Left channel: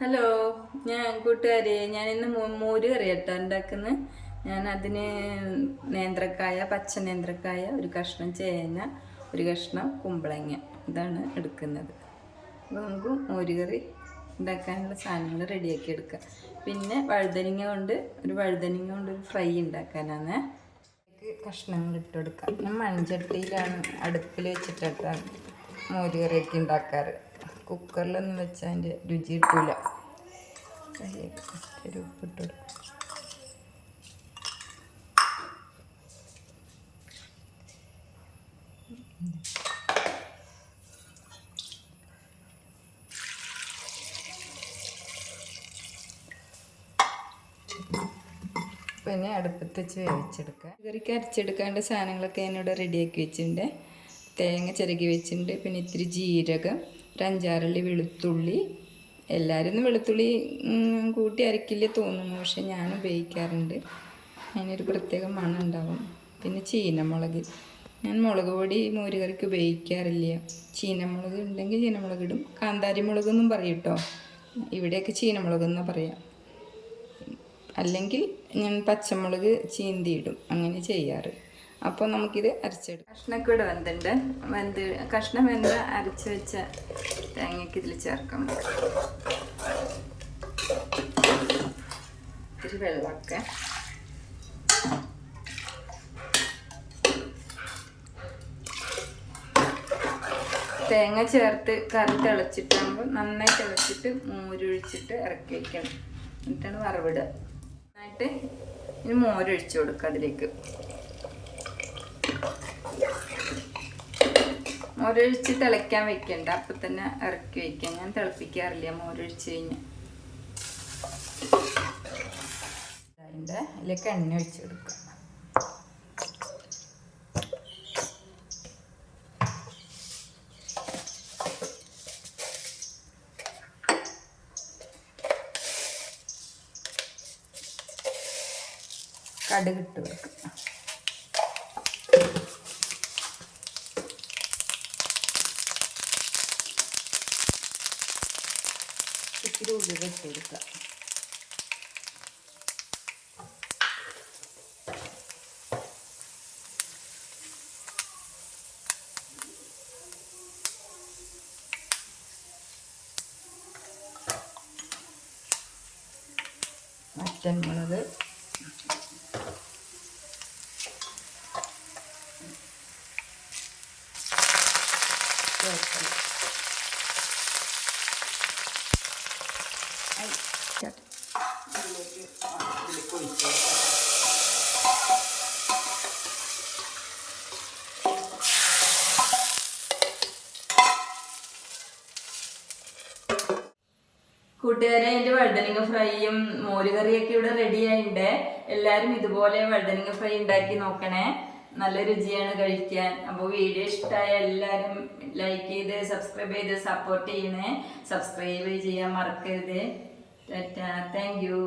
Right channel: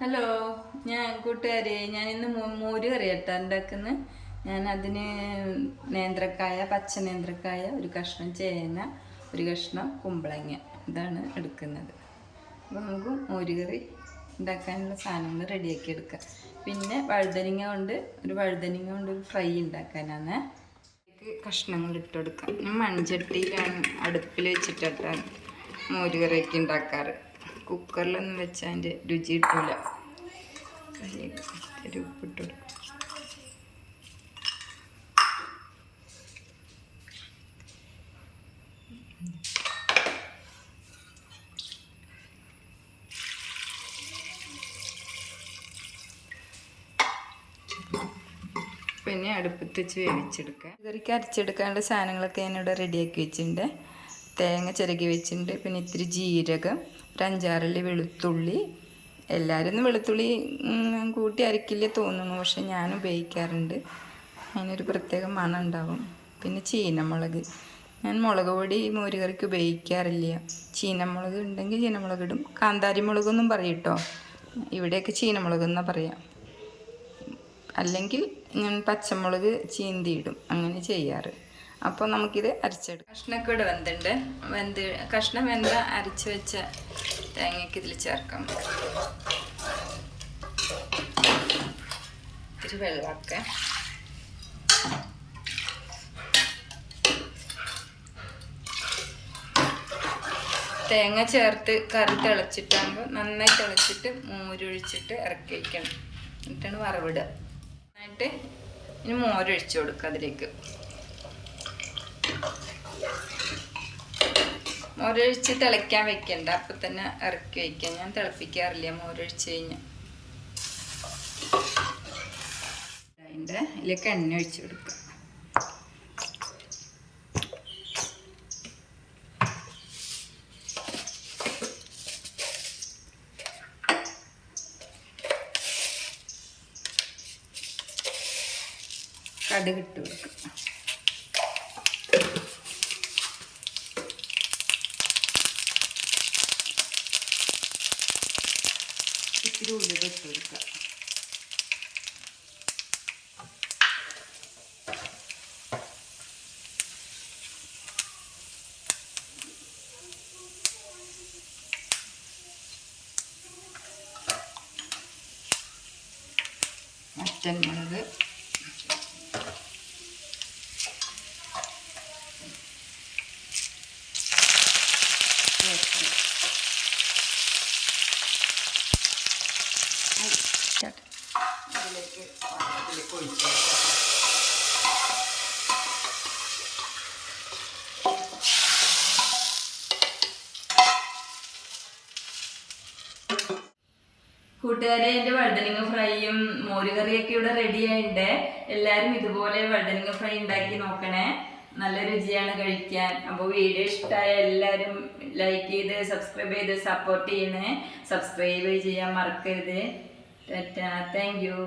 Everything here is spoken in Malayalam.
ഹലോ ഞാൻ കൂട്ടുകാരെ ഞാൻ ഇന്ന് മോര് കറിയട്ടാ ഉണ്ടാക്കുന്നത് ഞാൻ അതിന് നേന്ത്രക്കായ പച്ച നേന്ത്രക്കായ ഒരു കഷ്ണം ചേന ഒരു കഷ്ണം കുമ്പളങ്ങ ഇതാണ് എടുക്കുന്നത്. അപ്പോൾ നമുക്ക് മോര് കറി ഉണ്ടാക്കാനുള്ള സാധനങ്ങൾ റെഡിയാക്കി എടുക്കാം. പിന്നെ വഴുതനങ്ങ കൊണ്ട് ഒരു വഴുതനങ്ങ കൊണ്ട് ഒരു ഫ്രൈ ഉണ്ടാക്കാനാണ്. കഷ്ണങ്ങൾ ഇട്ട് കൊടുക്കാം. ഞാൻ മൺചട്ടിയിലാണ് അടുപ്പിൽ വെച്ചിട്ടാണ് മോര് കറിയൊക്കെ ഉണ്ടാക്കാറ്. കുക്കറിലൊന്നും വെച്ചാൽ അതിന്റെ രുചി കിട്ടൂല ഉപ്പിട്ട് പിന്നെ അടുപ്പത്ത് വെച്ച് വേവിച്ചെടുക്കുക കറിക്ക് അരച്ചെടുക്കാനുള്ള സാധനങ്ങളൊക്കെ ഞാനിവിടെ റെഡിയാക്കി വെച്ചിട്ടുണ്ട്. തേങ്ങ ചിരകി വെച്ചിട്ടുണ്ട്. പിന്നെ ഇത്തിരി ജീരകം. ഒരു വെളുത്തുള്ളി എല്ലാവരും വെളുത്തുള്ളി കൂട്ടി അരക്കില്ലേ തോന്നുന്നു. പക്ഷെ ഞാൻ ഉപയോഗിക്കാറുണ്ട്. അതിനൊരു പ്രത്യേക മണം പിന്നെ ചീനമുളക്. ഞാൻ മുളക് പൊടി മോരുകറിക്ക് ഉപയോഗിക്കാറില്ല. ചീനമുളക് ഉണ്ടെങ്കിൽ ചീനമുളക് ഇടും. കാന്താരി പറയും കേട്ടോ. ഇവിടെയൊക്കെ ചീനമുളക് എന്നാണ് പറയാം. അല്ലെങ്കിൽ ഞാൻ പച്ചമുളക് ചീന്തിയിടും അങ്ങനെ ചെയ്യാറ്. അപ്പോൾ നമുക്കിത് അരച്ചെടുക്കാം. കഷ്ണക്കൂട് വെന്തുണ്ട്. വെന്ത് കഷ്ണം വെന്ത അരച്ച് വെച്ച തേങ്ങയ്ക്ക് ഇതിൽ ചേർക്കാം. ഇത്തിരി വെള്ളമൊക്കെ. തേങ്ങ ചേർത്ത് കറി തിളച്ചിട്ടാകുമ്പോൾ നന്നായി തിളച്ചിട്ട് മോരൊഴിച്ചിട്ട് ഇറക്കി വയ്ക്കണം എന്നിട്ടാണ് വറവിടുക. എന്നിട്ട് ഇനി മോരൊഴിച്ച് കൊടുക്കുക അതിലേക്ക്. മോരൊഴിച്ച് തിളയ്ക്കാൻ വെക്കണ്ട. അപ്പം തന്നെ ഇറക്കി വയ്ക്കാം ഞാൻ തിളപ്പിക്കാറില്ല മോരൊഴിച്ച് കഴിഞ്ഞ്. അതിന്റെ ഇതിലേക്ക് എണ്ണ ഒഴിച്ച് കൊടുക്കുക. കടുകിട്ട് കൊടുക്കുക. ഇത്തിരി ഉള്ളിൽ ഇട്ട് കൊടുക്കുക. മുളക്. ചേർക്കണം. കൂട്ടുകാരെ എന്റെ വഴുതനങ്ങ ഫ്രൈയും മോരുകറിയൊക്കെ ഇവിടെ റെഡി ആയിട്ടുണ്ട് എല്ലാവരും ഇതുപോലെ വഴുതനങ്ങ ഫ്രൈ ഉണ്ടാക്കി നോക്കണേ. നല്ല രുചിയാണ് കഴിക്കാൻ. അപ്പോൾ വീഡിയോ ഇഷ്ടമായ എല്ലാവരും ലൈക്ക് ചെയ്ത് സബ്സ്ക്രൈബ് ചെയ്ത് സപ്പോർട്ട് ചെയ്യണേ. സബ്സ്ക്രൈബ് ചെയ്യാൻ മറക്കരുത്. ടാറ്റാ. Thank you